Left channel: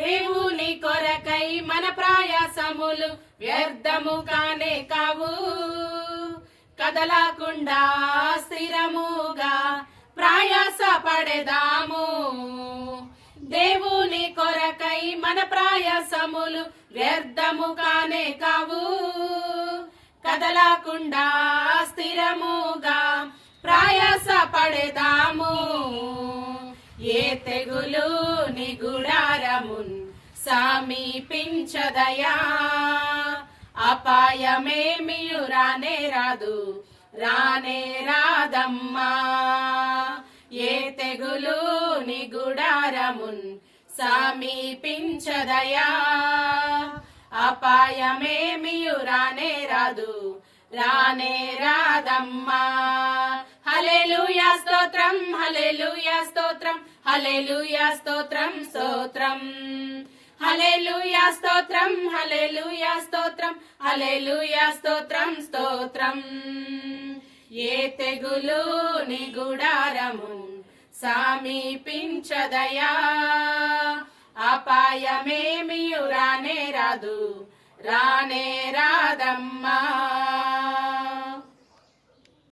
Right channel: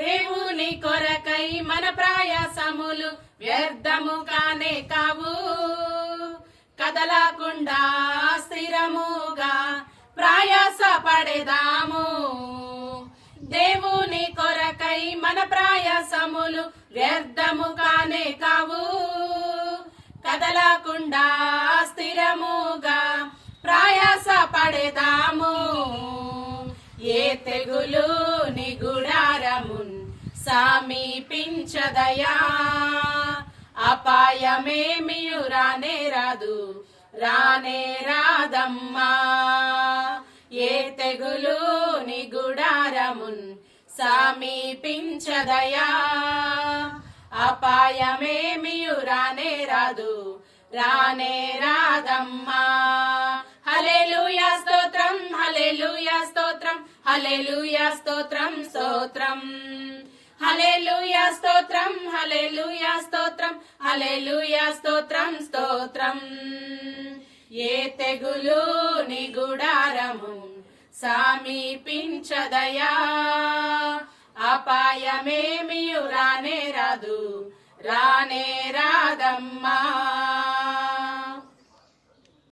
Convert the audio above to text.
దేవుని కొరకై మన ప్రయాసములు వ్యర్థము కానే కావు. కదలకుండా స్థిరముగా ప్రయాస పడేదాము. దేవుని కొరకై మన ప్రయాసములు వ్యర్థము కానే కావు. కదలకుండా స్థిరముగా ప్రయాస పడేదాము. ఏ తెగులు నీ గుడారమున్ సమీపించదయా. అపాయమేమియు రానే రాదు, రానే రాదమ్మా. ఏ తెగులు నీ గుడారమున్ సమీపించదయా. అపాయమేమియు రానే రాదు, రానే రాదమ్మా. హల్లెలూయా స్తోత్రం, హల్లెలూయా స్తోత్రం, హల్లెలూయా స్తోత్రం స్తోత్రం. హల్లెలూయా స్తోత్రం, హల్లెలూయా స్తోత్రం, హల్లెలూయా స్తోత్రం స్తోత్రం. ఏ తెగులు నీ గుడారము సమీపించదయా. అపాయమేమియు రానే రాదు, రానే రాదమ్మా.